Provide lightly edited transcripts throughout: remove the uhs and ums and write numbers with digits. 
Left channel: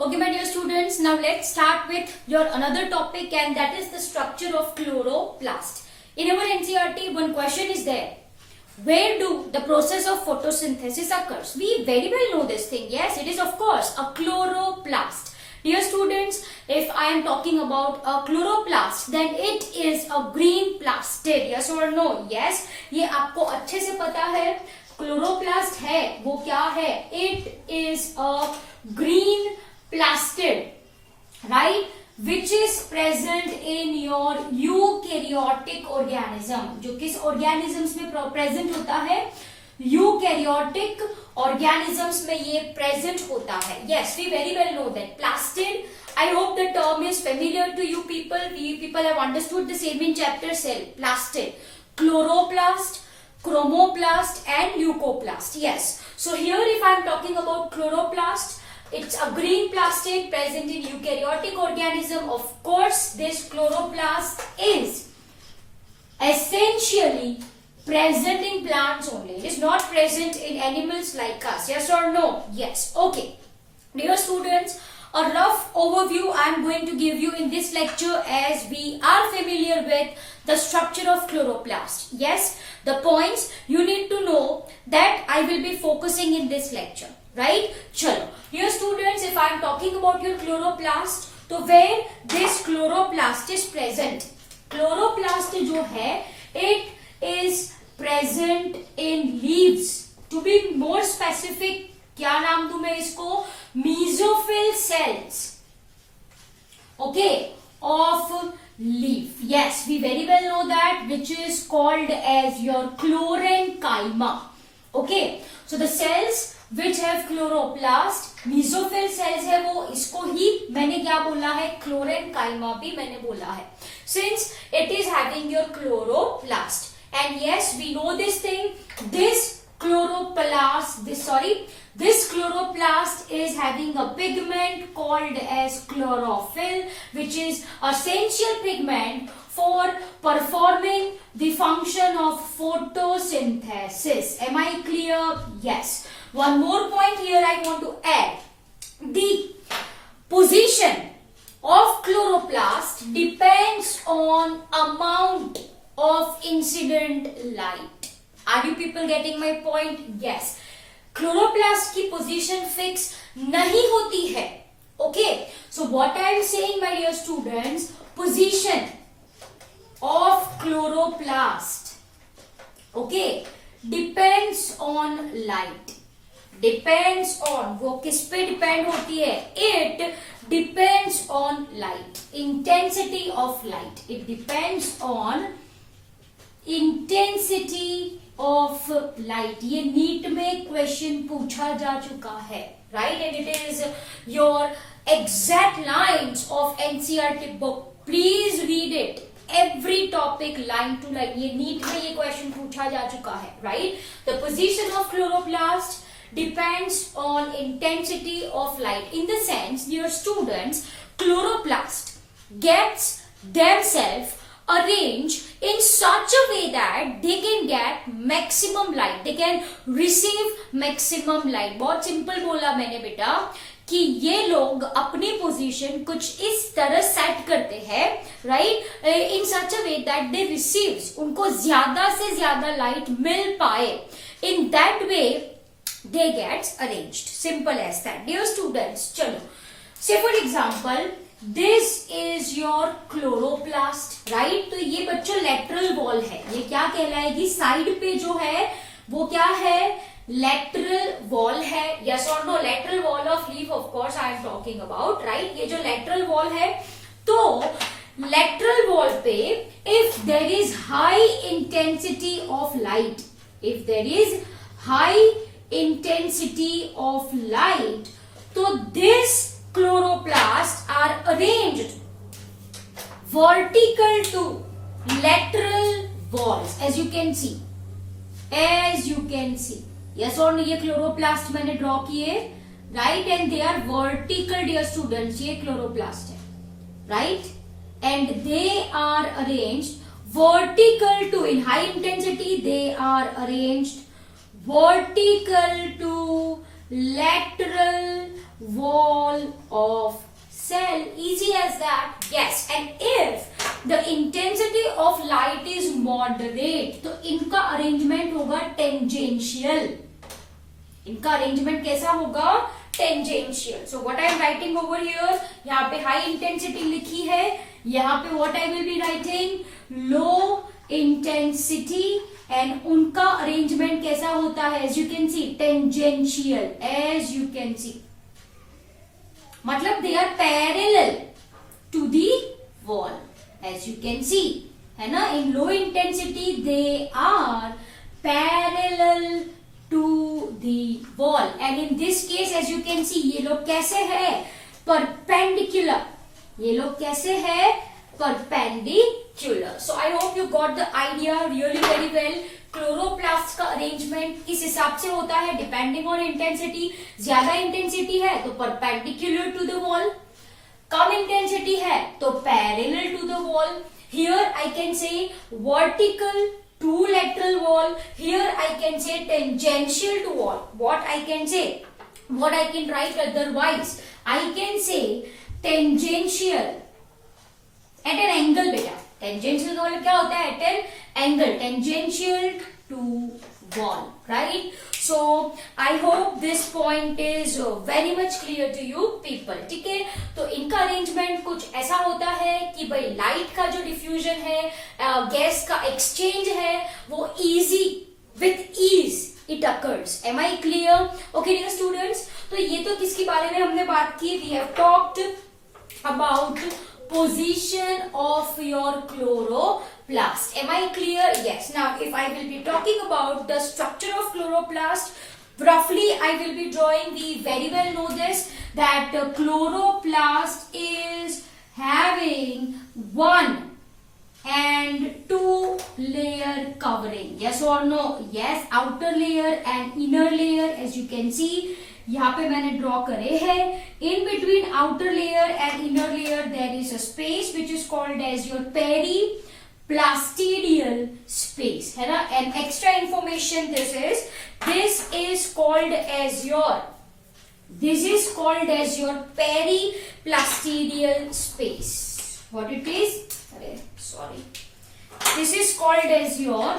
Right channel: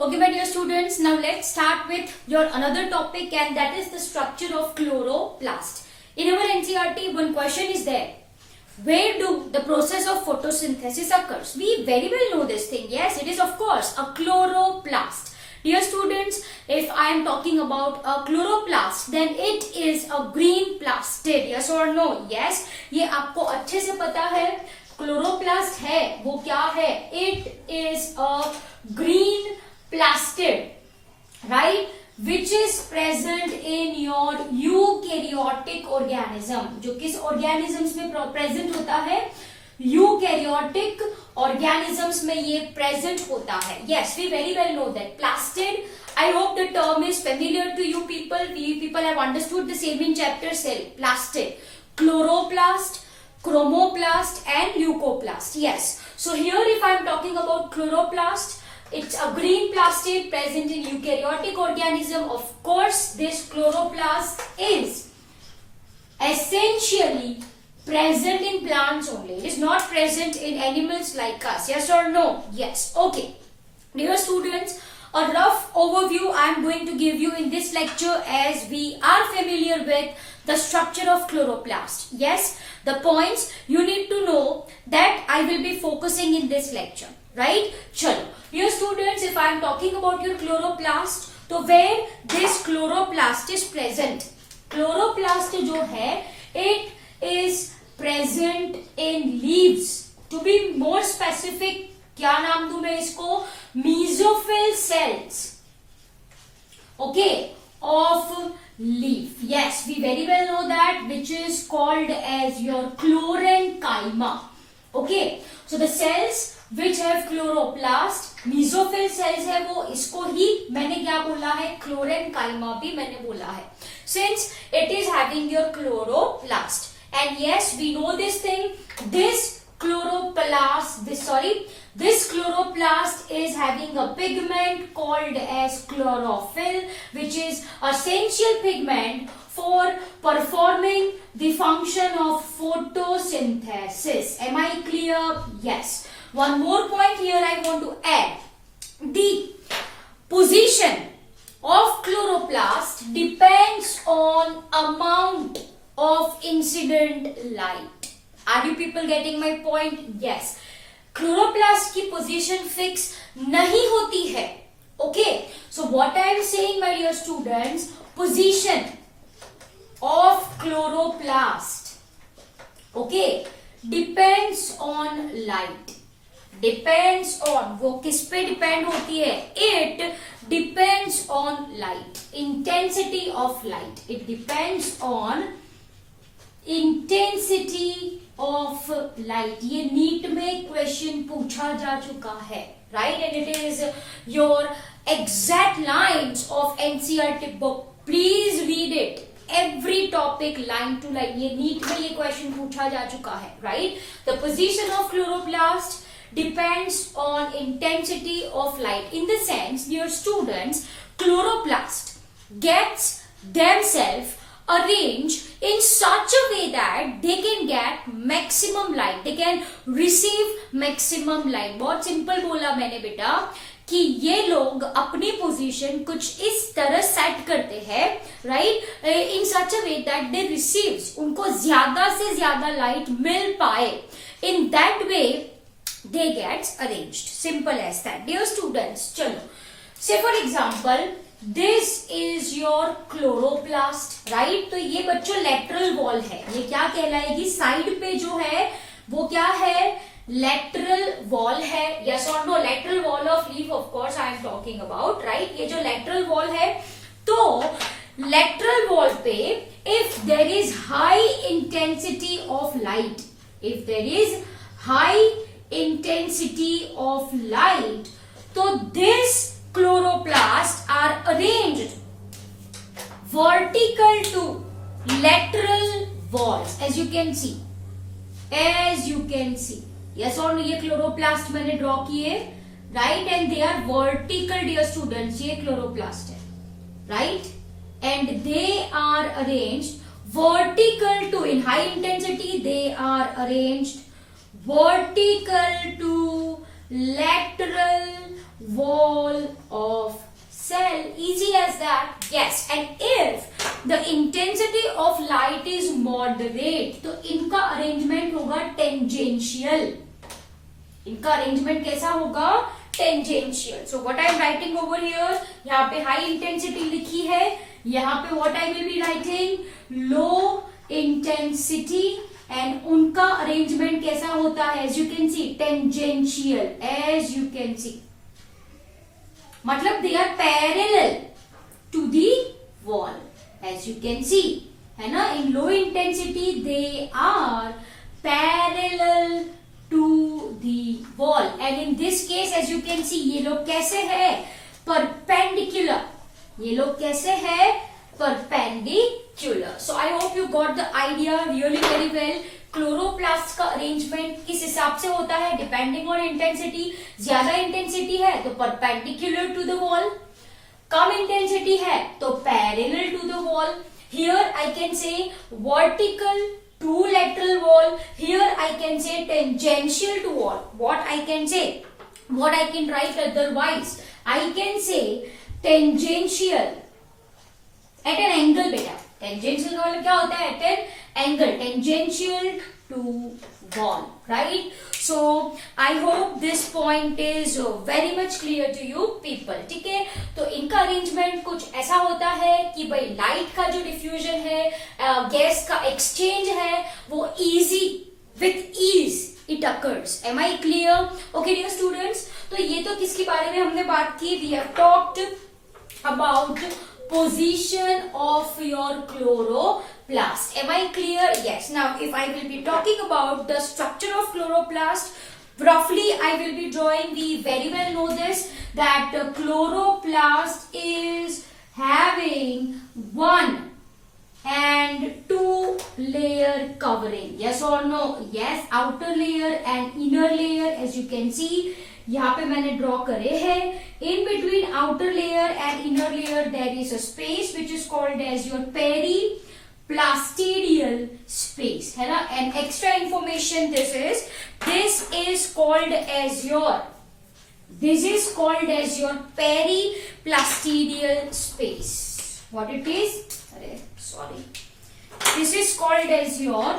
Okay, my dear students, now let's start with your another topic, and that is the structure of chloroplast. In our NCERT, one question is there. Where do the process of photosynthesis occurs? We very well know this thing. Yes, it is of course a chloroplast. Dear students, if I am talking about a chloroplast, then it is a green plastid. Yes or no? Yes. ये आपको अच्छे से पता है. Chloroplast है वो क्या है? It is a green plastid, right, which is present in your eukaryotic organism. जो किस organisms में present होता है? Eukaryotic organisms में ये present होता है. Yes, we very well know that. Plastid, I hope the term is familiar to you people. We people have understood the same in chapter cell. Plastid, chloroplast, chromoplast and leucoplast. Yes. So here if I am talking about chloroplast, it's a green plastid present in eukaryotic organism. Of course, this chloroplast is essentially present in plants only. It is not present in animals like us. Yes or no? Yes. Okay. Dear students, a rough overview I am going to give you in this lecture, as we are familiar with the structure of chloroplast. Yes, the points you need to know that I will be focusing in this lecture. Right? Chalo. Dear students, if I am talking about your chloroplast, तो where this chloroplast is present? Chloroplast जो है, it is present in leaves. To be more specific, क्या नाम दूं मैं इसको? Mesophyll cells. Okay, of leaf. Yes, we very well know that, which is called as your chlorenchyma. Okay, so the cells which have chloroplast, mesophyll cells है वो, इसको ही मैंने क्या बोला है? chlorenchyma भी मैंने बोला है, since it is having your chloroplast. And yes, we know this thing. This chloroplast is having a pigment called as chlorophyll, which is essential pigment for performing the function of photosynthesis. Am I clear? Yes. One more point here I want to add. The position of chloroplast depends on amount of incident light. Are you people getting my point? Yes. Chloroplast की position fix नहीं होती है. Okay. So what I am saying, my dear students, position of chloroplast, okay, depends on light. Depends on, वो किस पे depend होती है? It depends on light, intensity of light. It depends on intensity of light. ये NEET में question पूछा जा चुका है, right? And it is your exact lines of NCERT book. Please read it. Every topic line to line. ये NEET में ये question पूछा जा चुका है, right? The position of chloroplast depends on intensity of light. In the sense, dear students, chloroplast gets themselves arranged in such a way that they can get maximum light. They can receive maximum light. बहुत simple बोला मैंने बेटा कि ये लोग अपनी position कुछ इस तरह सेट करते हैं, right, in such a way that they receives, उनको ज्यादा से ज्यादा लाइट मिल पाए. In that way they gets arranged. Simple as that. Dear students, चलो, say for example, this is your chloroplast, right? तो ये बच्चों lateral wall है. ये क्या कहलाएगी? साइड पे जो है वो क्या है? lateral wall है. Yes or no? Lateral wall of leaf, of course I am talking about, right? ये जो lateral wall है, तो lateral wall पे if there is high intensity of light, if there is high intensity of light, so this chloroplasts are arranged vertical to lateral walls, as you can see. Yes or no? ये chloroplast मैंने draw किए, right? And they are vertical, dear students. ये chloroplast है, right? And they are arranged vertical to, in high intensity they are arranged vertical to lateral wall of cell. Easy as that. Yes. And if the intensity of light is moderate, तो इनका arrangement होगा tangential. इनका arrangement कैसा होगा? Tangential. So what I am writing over here, यहाँ पे high intensity लिखी है, यहाँ पे what I will be writing low intensity, and उनका अरेंजमेंट कैसा होता है? As you can see tangential. As you can see मतलब they are parallel to the wall. As you can see, है ना, in low intensity they are parallel to the wall, and in this case as you can see ये लोग कैसे है? Perpendicular. ये लोग कैसे है? Perpendicular. So I hope you got the idea really very well. Chloroplast का अरेंजमेंट किस हिसाब से होता है? Depending on intensity. ज्यादा इंटेंसिटी है तो परपेंडिकुलर टू द वॉल, कम इंटेंसिटी है तो parallel to the wall. Here I can say vertical to lateral wall. Here I can say tangential to wall. What I can say? What I can write otherwise? I can say tangential at an angle. बेटा tangential का मतलब क्या होता है? At an angle. Tangential to wall. Right? So I hope this point is very much clear to you people. ठीक है? तो इनका अरेंजमेंट कुछ ऐसा होता है कि भाई लाइट का जो डिफ्यूजन है, गैस का एक्सचेंज है, वो easy with ease it occurs. Am I clear? Okay dear students, तो ये तो किसके बारे में हमने बात की? We have talked about position of your chloroplast. Am I clear? Yes. Now, if I will be talking about the structure of chloroplast, roughly I will be drawing. We very well know this, that chloroplast is having one and two layer covering. Yes or no? Yes. Outer layer and inner layer, as you can see. यहाँ पे मैंने draw करे है. In between outer layer and inner layer there is a space which is called as your periplastidial space, है ना. And extra information this is called as your periplastidial space. What it is? अरे sorry, this is called as your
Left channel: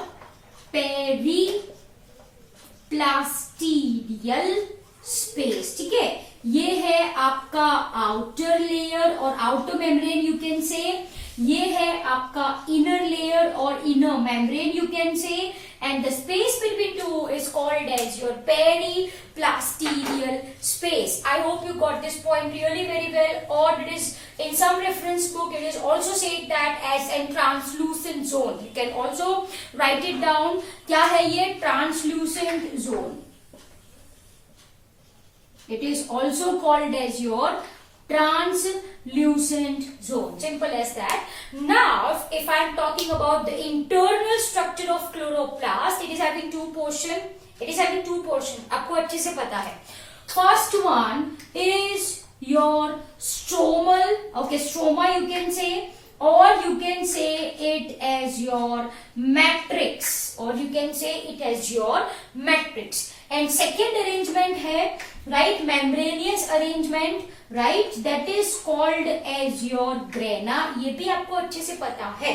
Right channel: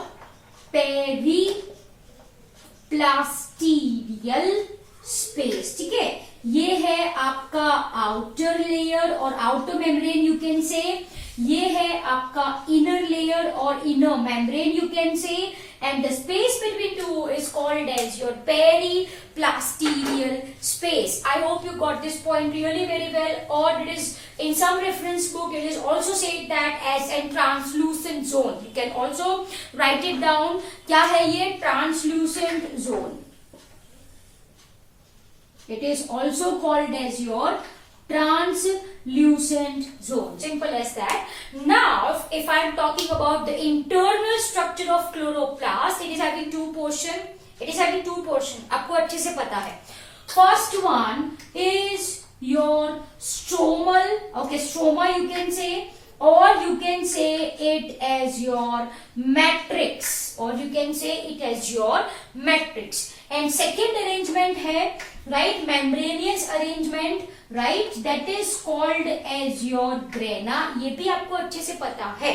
periplastidial space. ठीक है, ये है आपका outer layer और outer membrane you can say. ये है आपका इनर लेयर और इनर मेम्ब्रेन यू कैन से. And the space between two is called as your periplastidial space. I hope you got this point really very well. और it is in some reference book it is also said that as a translucent zone. You can also write it down. क्या है ये? translucent zone. It is also called as your translucent zone. Simple as that. Now, if I am talking about the internal structure of chloroplast, it is having two portion. आपको अच्छे से पता है. First one is your stromal. Okay, stroma you can say, or you can say it as your matrix, and second arrangement है right, membranous arrangement, right, that is called as your grana. ये भी आपको अच्छे से पता है.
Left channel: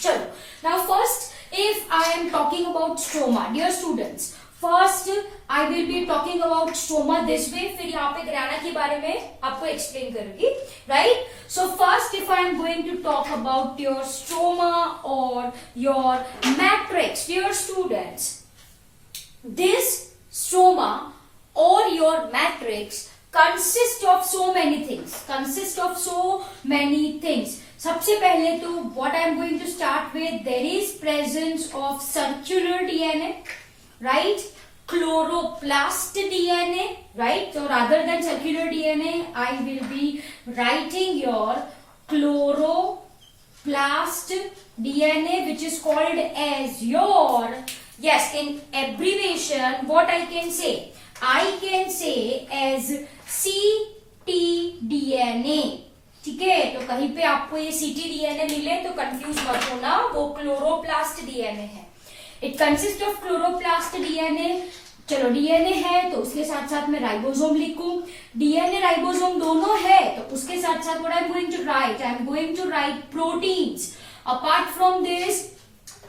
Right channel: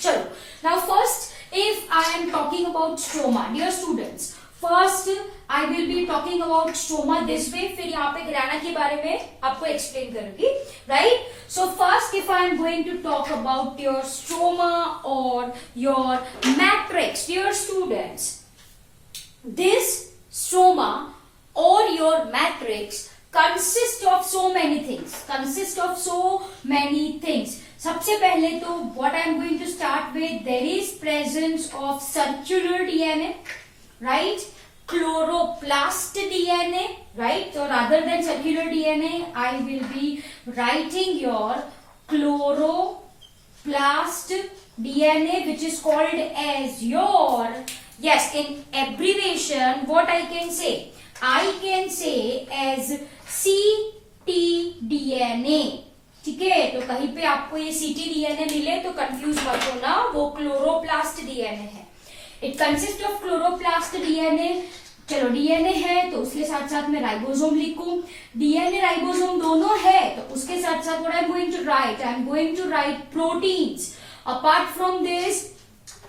चलो, now first if I am talking about stroma, dear students, first I will be talking about stroma this way, फिर यहाँ पे ग्राना के बारे में आपको एक्सप्लेन करूंगी, right? So first if I am going to talk about your stroma or your matrix, dear students, this stroma or your matrix consists of so many things. सबसे पहले तो what I am going to start with, there is presence of circular DNA, right? Chloroplast DNA, right? So rather than circular DNA, I will be writing your chloroplast DNA, which is called as your, yes, in abbreviation, what I can say as ctDNA. ठीक है, तो कहीं पे आपको ये ctDNA मिले तो confuse मत होना, वो क्लोरोप्लास्ट DNA है. It consists of chloroplast DNA. चलो डीएनए है तो उसके साथ साथ मैं राइबोसोम लिखूं, डीएनए राइबोसोम दोनों है तो उसके साथ साथ what I am going to write proteins. Apart from this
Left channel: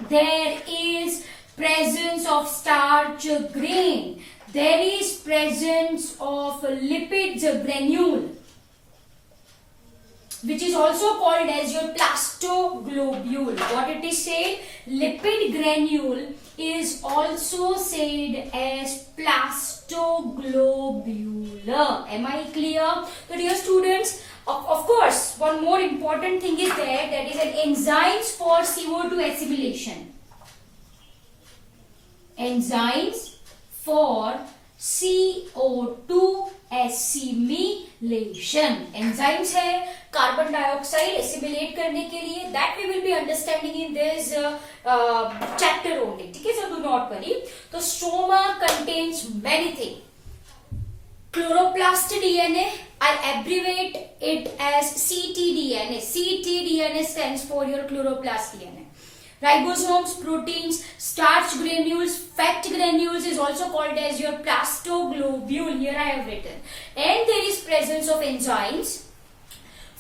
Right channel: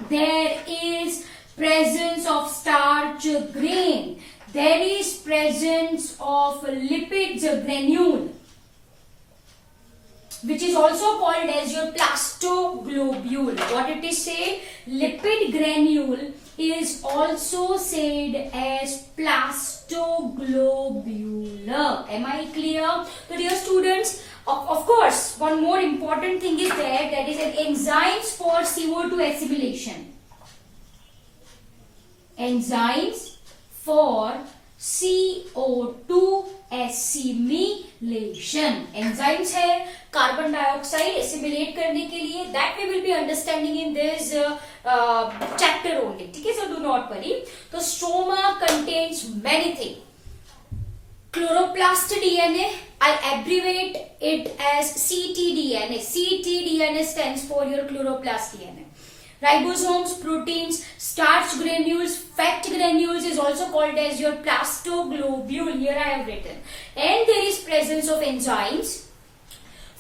there is presence of starch grain, there is presence of lipids granule which is also called as your plastoglobule. What it is said, lipid granule is also said as plastoglobule. Am I clear? So dear students, of course one more important thing is there, that is an enzymes for CO2 assimilation. Enzymes for CO2 assimilation. Enzymes है carbon dioxide assimilate करने के लिए. That we will be understanding in this chapter only. ठीक है, so do not worry. तो stroma contains many thing. Chloroplast DNA, I'll abbreviate it as ctDNA. ctDNA stands for your chloroplast DNA. Ribosomes, proteins, starch granules, fat granules is also called as your plastoglobule. Here I have written. And there is presence of enzymes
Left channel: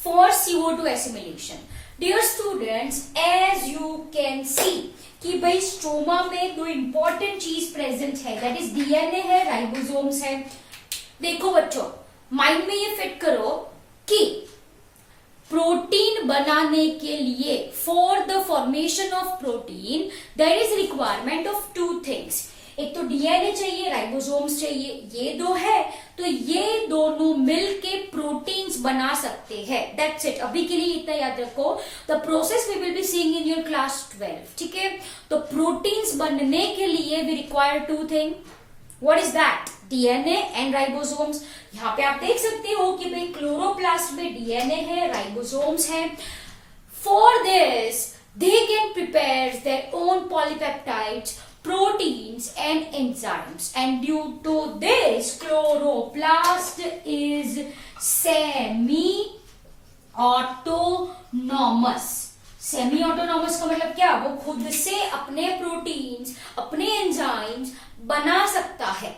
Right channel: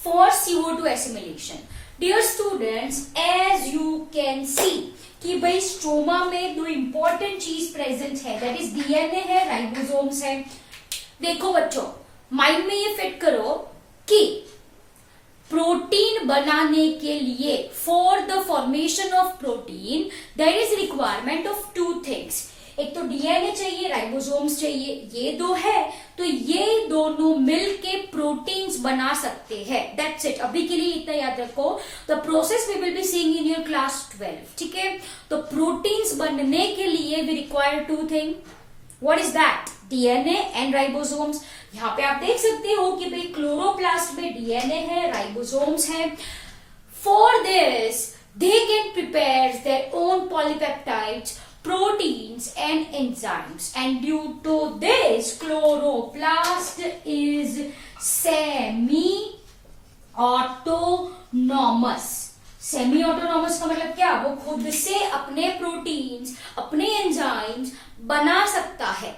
for CO2 assimilation. Dear students, as you can see कि भाई stroma में दो important चीज present है, that is DNA है, ribosomes है. देखो बच्चों, माइंड में ये फिट करो कि प्रोटीन बनाने के लिए, for the formation of protein there is requirement of two things. एक तो डीएनए चाहिए, राइबोसोम्स चाहिए. ये दो है तो ये दोनों मिलके प्रोटीन्स बना सकते हैं. That's it. अभी के लिए इतना याद रखो. The process we will be seeing in your class 12. ठीक है, तो प्रोटीन्स बनने के लिए we require two thing. What is that? DNA and ribosomes. यहाँ पे आप देख सकते हो कि भाई क्लोरोप्लास्ट में डीएनए है, राइबोसोम्स है. For this they can prepare their own polypeptides, proteins and enzymes, and due to this chloroplast is semi autonomous. Semi autonomous का मतलब क्या? वो खुद से अपने प्रोटीन्स, अपने एंजाइम्स बना सकता है.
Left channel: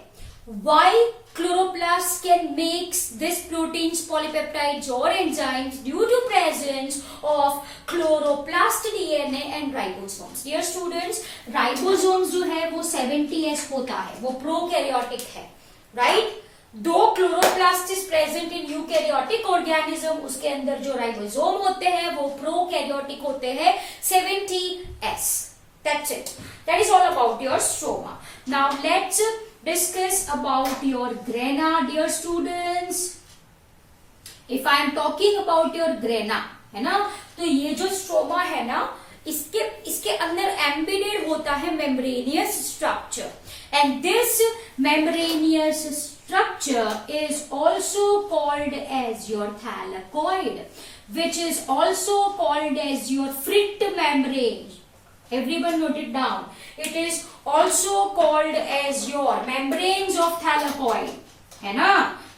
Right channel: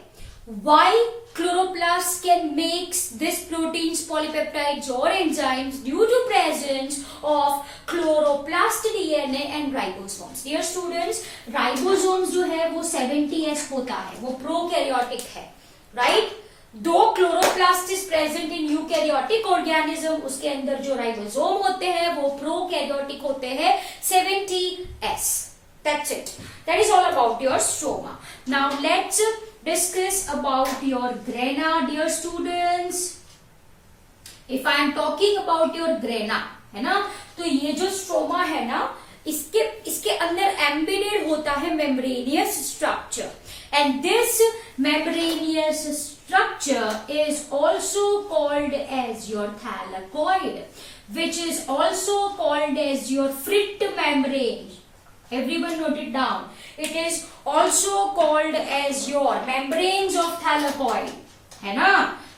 Why chloroplast can makes this proteins, polypeptides or enzymes due to presence of chloroplast DNA and ribosomes. Dear students, ribosomes जो है वो 70S होता है, वो प्रोकैरियोटिक है, right? दो chloroplast is present in eukaryotic organism, उसके अंदर जो राइबोसोम होते हैं वो प्रोकैरियोटिक होते हैं, 70S. That's it. That is all about your stroma. Now let's discuss about your grana, dear students. If I am talking about your grana, है ना, तो ये जो स्ट्रोमा है ना, इसके अंदर एम्बेडेड होता है membranosus structure. And this membranosus structure is also called as your thylakoid, which is also called as your Fritt membrane. Everyone note it down. It is also called as your membranes of thylakoid. है ना,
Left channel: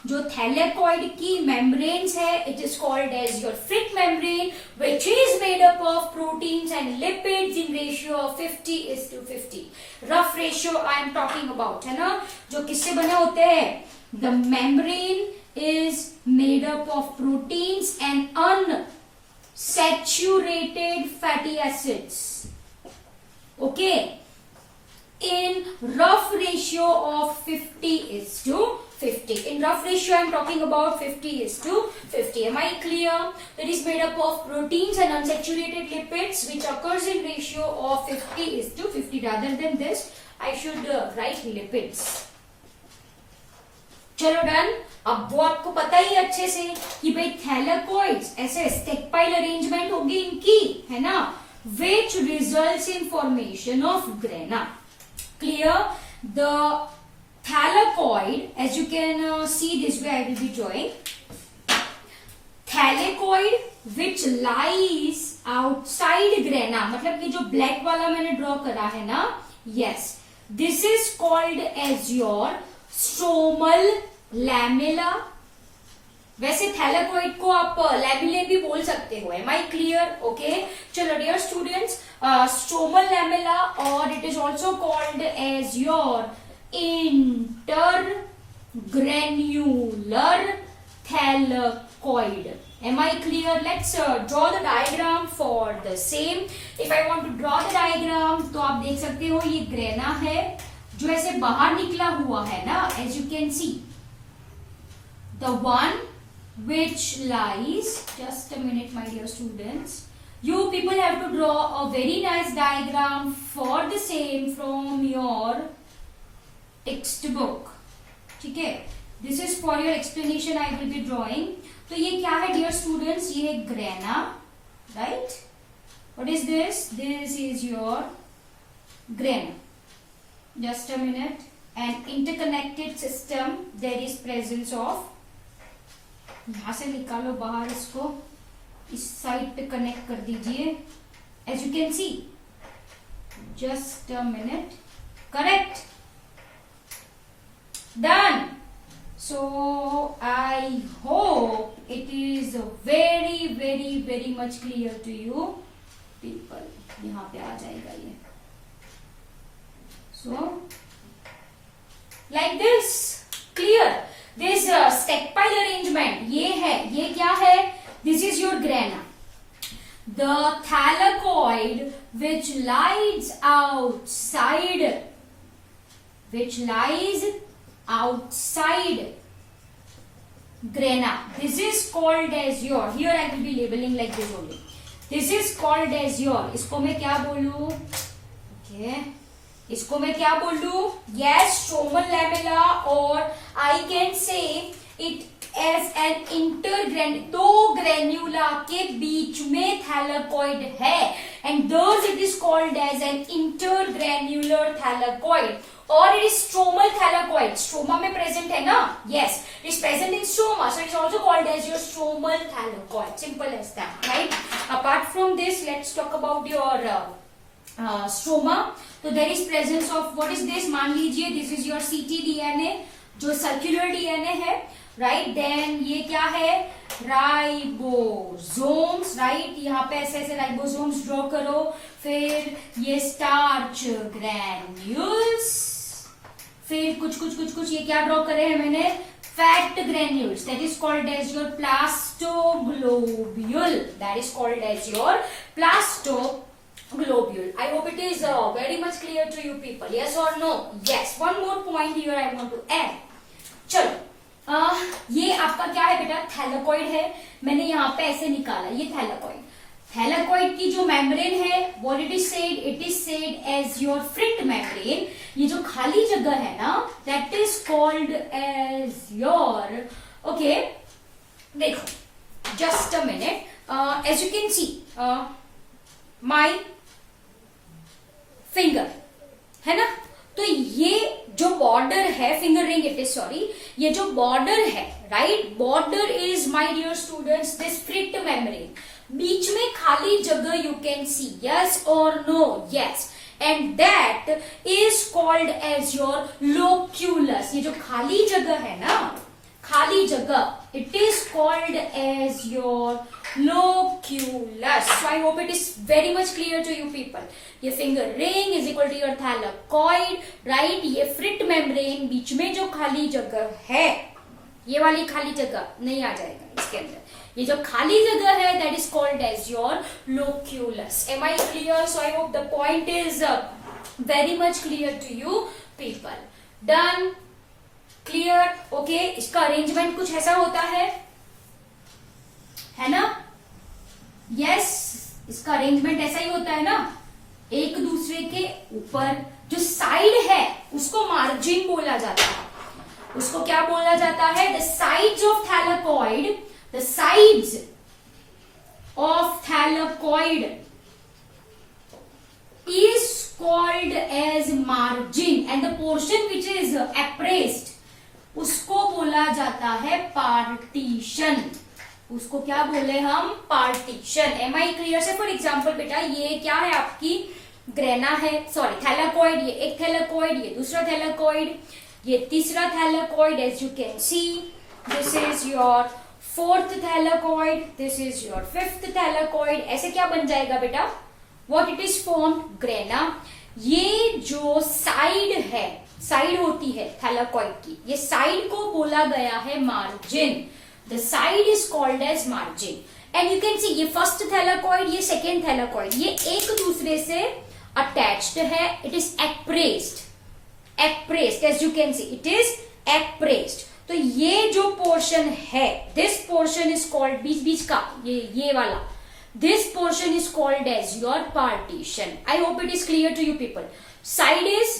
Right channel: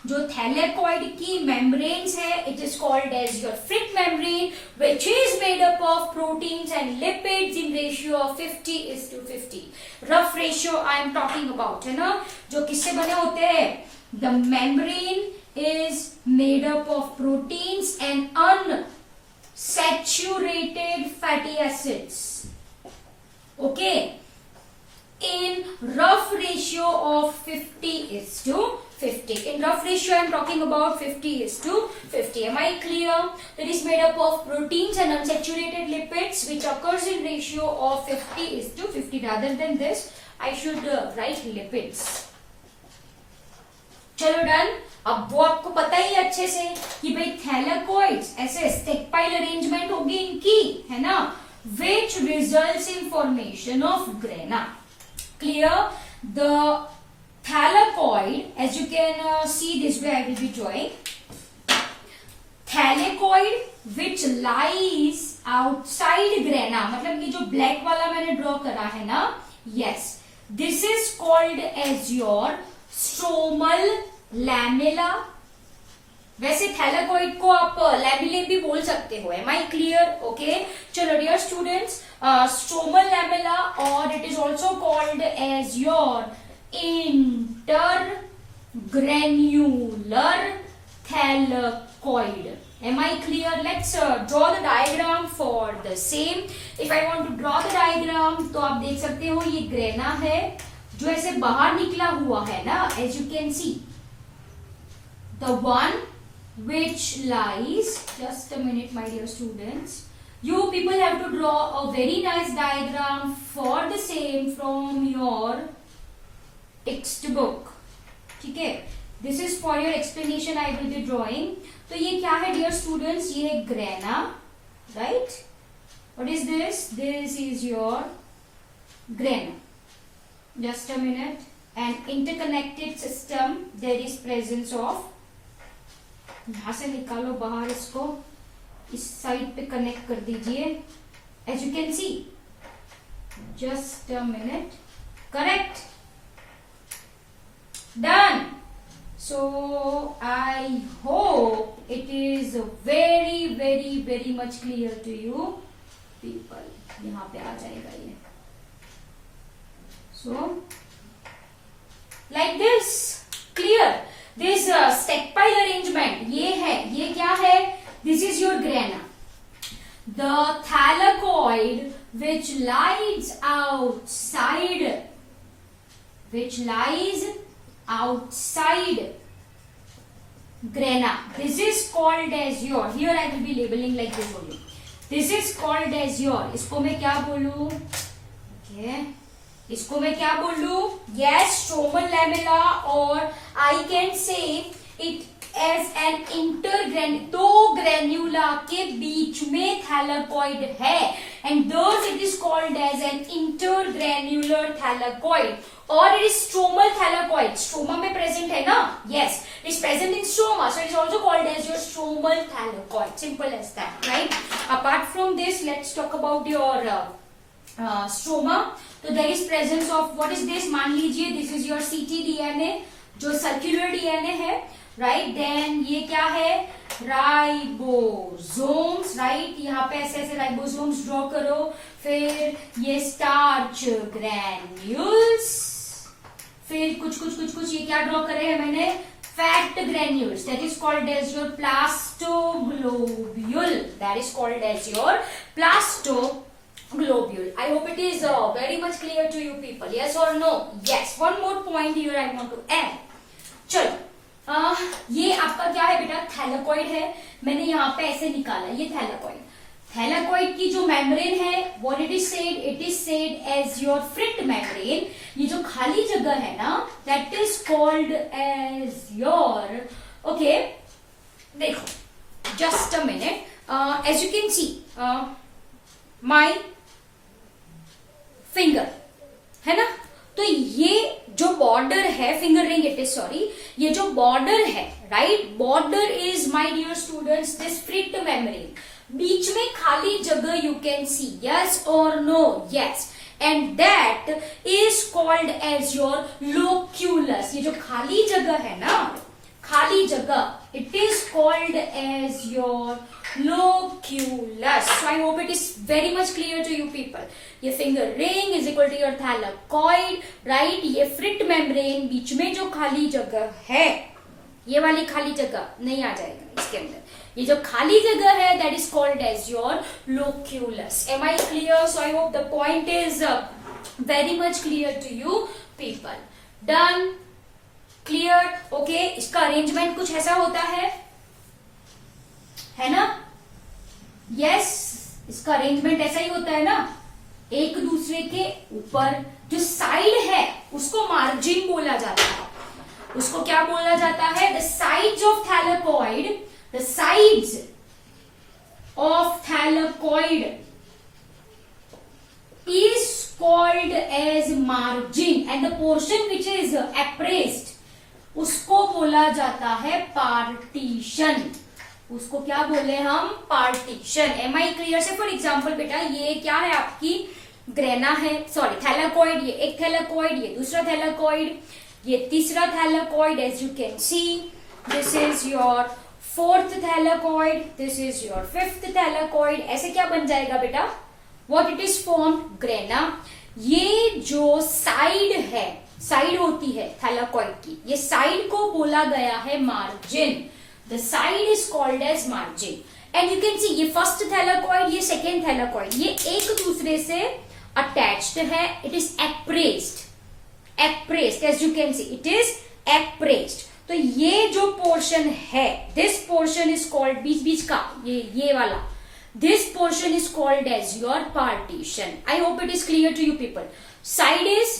जो thylakoid की membranes है, it is called as your Fritt membrane, which is made up of proteins and lipids in ratio of 50:50. Rough ratio I am talking about, है ना, जो किससे बने होते हैं? The membrane is made up of proteins and unsaturated fatty acids. Okay, in rough ratio of 50:50. In rough ratio I am talking about 50:50. Am I clear? That is made up of proteins and unsaturated lipids, which occurs in ratio of 50:50. Rather than this, I should write lipids. चलो done. अब वो आपको पता ही अच्छे से कि भाई थैलाकोइड्स ऐसे स्टेकपाइल अरेंजमेंट होगी इनकी, है ना, which results in formation of grana. Clear? The thylakoid, as you can see this way, I will be drawing thylakoid which lies outside grana. मतलब ये जो ब्लैक वाला मैंने ड्रॉ करा है ना, yes, this is called as your stromal lamella. वैसे thylakoid को आप लैमिले भी बोल सकते हो. Am I clear? ओके, चलो डियर स्टूडेंट्स, स्ट्रोमल लैमेला और it is also called as your intergranular thylakoid. Am I clear? Let's draw the diagram for the same. If I want to draw the diagram, तो आप देख सकते हो ये grana है जो ऐसे बाहर निकला हुआ है ना, as you can see, the one which lies, just a minute my dear students, you people have to draw a very nice diagram for the same from your textbook. ठीक है, this is for your explanation I will be drawing. तो ये क्या है dear students, ये grana, right? What is this? This is your grana. Just a minute. And interconnected system, there is presence of, यहां से निकालो बाहर इसको, इस साइड पे कनेक्ट कर दीजिए, as you can see. Just a minute. Correct, done. So I hope it is very much clear to you people. यहाँ पे आ जाएगा ये. So like this, clear. This step-pile arrangement, ये है, ये क्या है? This is your grana. The thylakoid which lies outside grana, this is called as your, here I will be labeling like this only, this is called as your, इसको मैं क्या बोलूं? Okay, इसको मैं क्या बोलूं? Yes, stromal lamella, or I can say it as an intergranule. दो ग्रेन्यूला के बीच में थैलाकॉइड है, and thus it is called as an intergranular thylakoid. और it is stromal thylakoid. Stroma में present है ना? Yes, it is present in stroma, so it is also called as your stromal thylakoid. Simple as that, right? Apart from this, let's talk about your stroma. So there is presence of, what is this? मान लीजिए this is your ctDNA, जो circular DNA है, right? Then ये क्या है? Ribosomes, right? यहाँ पे ऐसे ऐसे राइबोसोम्स ड्रॉ करो. फिर ये स्टार्च ग्रैन्यूल्स, फिर कुछ ये क्या ड्रॉ करे हैं मैंने? Fat granules. That is called as your plastoglobule. That is called as your plastoglobule. I hope it is very much clear to you people. Yes or no? Yes. One more point here I want to add. चलो, ये आपका क्या है बेटा? Thylakoid है. मैंने यहाँ पे ऐसे निकाला, ये थैलाकॉइड. थैलाकॉइड की जो मेम्ब्रेन है, what it is said? It is said as your fret membrane. ये जो खाली जगह है ना, that is called as your, okay, देखो, just a minute. As you can see my finger, है ना? तो ये जो बॉर्डर है, finger ring it is, sorry, ये जो बॉर्डर है, right? Border is my dear students this fret membrane. बीच में खाली जगह यू कैन सी. यस और no? Yes. And that is called as your loculus. ये जो खाली जगह है ना, खाली जगह, it is called as your loculus. So I hope it is very much clear to you people. ये finger ring is equal to your thylakoid, right? ये फ्रिट मेम्ब्रेन, बीच में जो खाली जगह है, ये वाली खाली जगह नहीं आ जाएगा इसके अंदर. ये जो खाली जगह है, that is called as your loculus. Am I clear? So I hope the point is very much clear to you people. Done? Clear? Okay. इसका अरेंजमेंट कुछ ऐसा होता है ना? यस, इसका अरेंजमेंट ऐसा ही होता है ना, एक दूसरे के ऊपर. जो साइड है उसको मार्जिन बोला जाता है. उसको क्या बोला जाता है? The sides of thylakoid, the sides of thylakoid is called as margin, and the portion which is appraised उसको बोला जाता है पार्टीशन. उसको क्या बोले हम? Partition. Am I clear? Say for example बेटा, ये क्या है? आपकी ग्रेना है, सॉरी थैलाकॉइड. ये एक थैलाकॉइड, ये दूसरा थैलाकॉइड, ये तीसरा thylakoid. As you can see, this is your fourth thylakoid, this is your fifth thylakoid. ऐसे क्या बन जाएगा बेटा? What it is formed? Grana. ये जो साइड है, साइड होती है थैलाकॉइड की, ये साइड को बोला गया है margin. The side is called as margin. And you can see ये फर्स्ट थैलाकॉइड, ये सेकेंड थैलाकॉइड, ये एक दूसरे से अटैच्ड है. It is appressed, appressed as you can see, it is appressed. तो ये जो पोर्शन है, दिस पोर्शन इज कॉल्ड, बीच बीच का ये वाला, this portion is called as your partition. I hope it is clear to you people. Side is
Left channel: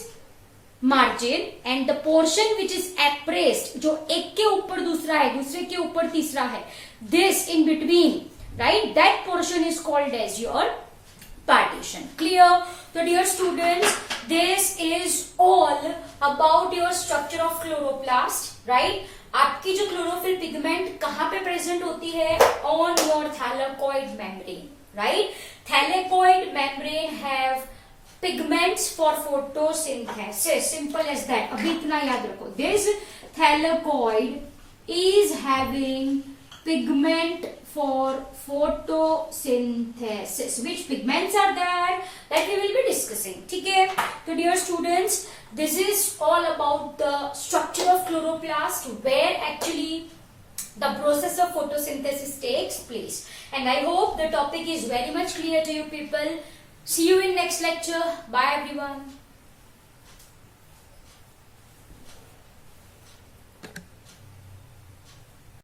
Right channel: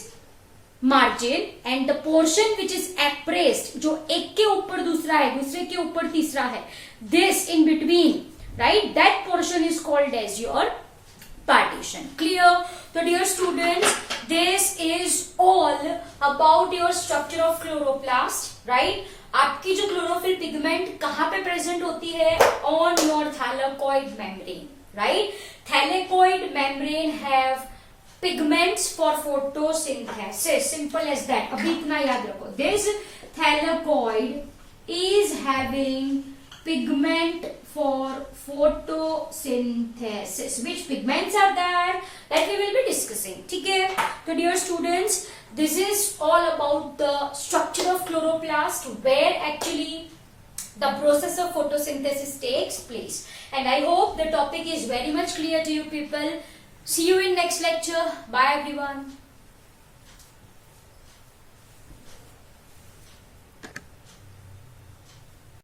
margin and the portion which is appraised, जो एक के ऊपर दूसरा है, दूसरे के ऊपर तीसरा है, this in between, right, that portion is called as your partition. Clear? So dear students, this is all about your structure of chloroplast, right? आपकी जो क्लोरोफिल पिगमेंट कहाँ पे प्रेजेंट होती है? On your thylakoid membrane, right? Thylakoid membrane have pigments for photosynthesis, simple as that. अभी इतना याद रखो, this thylakoid is having pigment for photosynthesis. Which pigments are there? That we will be discussing. ठीक है? So dear students, this is all about the structure of chloroplast, where actually the process of photosynthesis takes place. And I hope the topic is very much clear to you people. See you in next lecture. Bye everyone.